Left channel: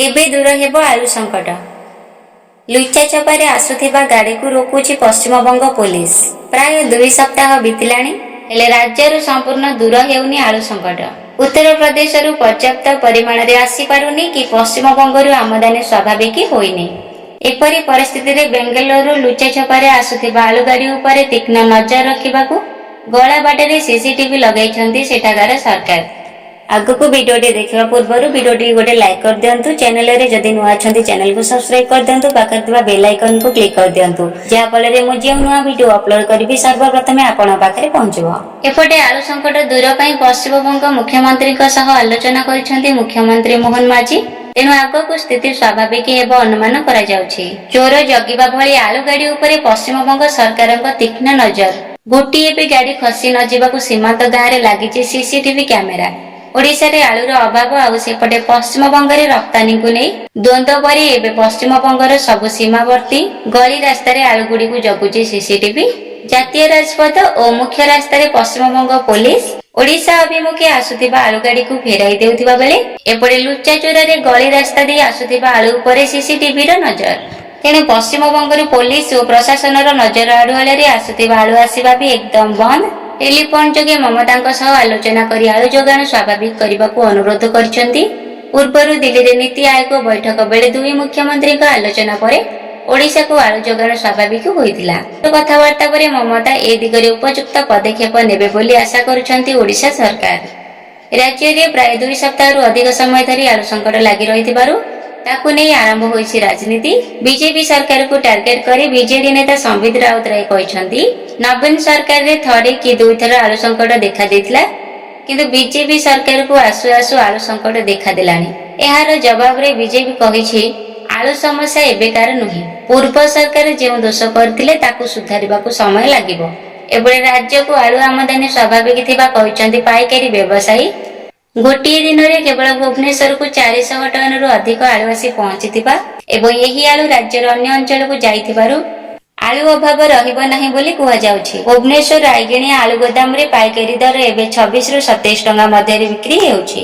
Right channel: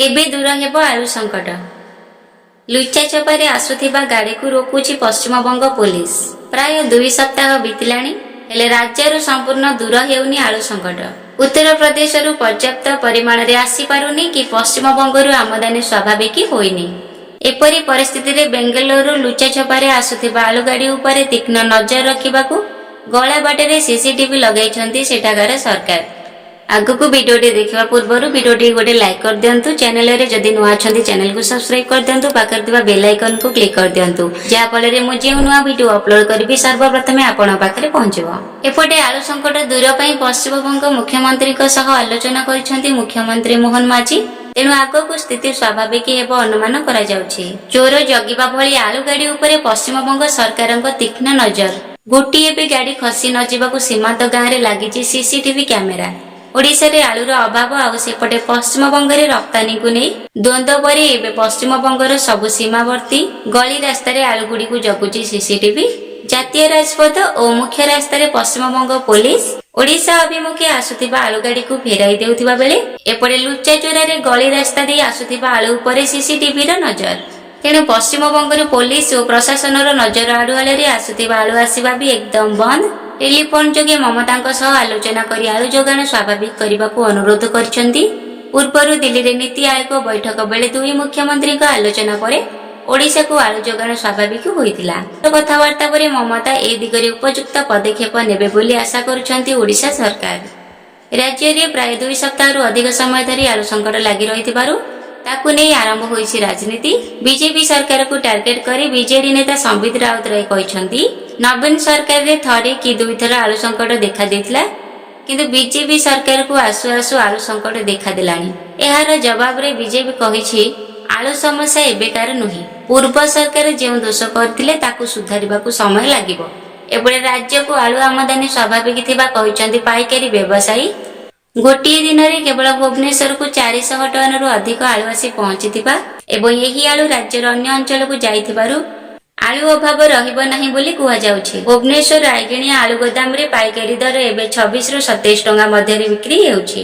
केबे दूर हेब आलु संकट। लुचा छपारे आसुथिबा गाड़ी को रोकुची पश्चिम बंग पुलिस। प्राय 2 सप्ताह बीतिलाणी हेले राज्यरू संपूर्ण दूर हेउनी आलु संकट। उत्तर प्रदेश पर्याप्त परिमाण रे आसी पारुनी कि पश्चिम बंगरू आमदानी स्वाभाविक होइनी। एपरी परिस्थिति रे बेंगलुरु लुचा छपारे आसुथिबा आलु गाड़ी उपरे तीक्ष्ण नजर रखिबाकू गला बाटे सीसीटीवी लगाइछंती सेठागार सरकार। आगको वीडियोटी देखा पूर्व वीडियोटी गोटे लाइक कर दिंतु। चैनल रे जदि नुआ अछंती चैनल को सब्सक्राइब कर दिंतु। पाखर थिबा बेल आइकन को क्लिक कर दिंतु जहा फल रे मु जे नुआ वीडियो अपलोड करबी सर्वप्रथम आपण पाखरे पहुंचबो। एपटे आलु संकट दूर पई पश्चिम बंग मुख्यमंत्री सह आलोचना करिसेंती मुख्यमंत्री मोहन माझी। तेणु आगको स्थिति स्वाभाविक हेब अनुमान करा जाउछि। चोर जगिबा भली आलु गाड़ी उपरे पश्चिम बंग सरकारक तीक्ष्ण नजर। गोटिए भी गाड़ी खसी न जिबाकू सीमांत गाँव रे लागिछि सीसीटीवी कैमेरा। ओडिशा रे आलुर अभाव आउ सेपटे पश्चिम बंग रे रप्तानी को नहीं द्वंद्व परी एबे पश्चिम बंगर सबु सीमावर्ती गली रास्ता रे आलु गुडी को जगुची सीसीटीवी। जातीय राजपथ और मुख्य रास्ता रे पश्चिम बंग पुलिस ओडिशा अभिमुखे आसुथिबा आलु गाड़ी को फेराई देउथिबा बेले एपटे लुच्चा चोरा रे गली रास्ता दे आसुथिबा आलु उपरे सीसीटीवी रो नजर। तेणु पश्चिम बंगर पुलिस और प्रशासन नजर आड़ुआल आसुथिबा आलु आसिबा भी एकदम बंद। टेलीफोन जोगे ममता आलोचना करी आलु जोगाण स्वाभाविक करने को अनुरोध करछंती। पूर्वर दिल्ली रे नीति आयोग बैठक बेले दुई मुख्यमंत्री आलोचना पर ओडिशा को आलु जोगाण स्वाभाविक होइतिला। कथबार्ता पर ममता ए दिगरे उपयुक्त पदक्षेप नेबे बोली आशा करुछंती ओडिशा सरकार। राज्य रे प्राय 2 सप्ताह अधिक समय धरी आलु संकट लागि रहितिबारु ताकू नहीं आरंभ होइछि राजनीति। बीजेपी सरकार को टार्गेट करी बीजेडी नेता संबित राउतराय कहछंती नवीन सरकार रे थरे कि 2 थर आलु संकट देखा देथिला किंतु बीजेपी सरकार को आसु आसु आलु संकट देखा देलानी। एहार जवाब रे बीजेपी कहिछि आलु समस्या एबेकार नुही। पूर्व सरकार जे दोष करथिले ताकू सुधारिबाकू समय लागिबो। एबे राज्य को आलु आमदानी स्वाभाविक थिबा कहछंती पाइकारी व्यवसायी। गोटे दिन में केवल भुवनेश्वर को 400 टन रु अधिक आलु आसी पहुंची एवं यही आलु राज्यर अन्य अंचल को जाइथिबारु आलु अभाव रहिबो नाही बोली कुहा जाउछि। भुवनेश्वर रायगिणी आलु गोदाम रे पाइकारी दर एबे 26 रु 27 टंका मध्य बिक्री हेउछि।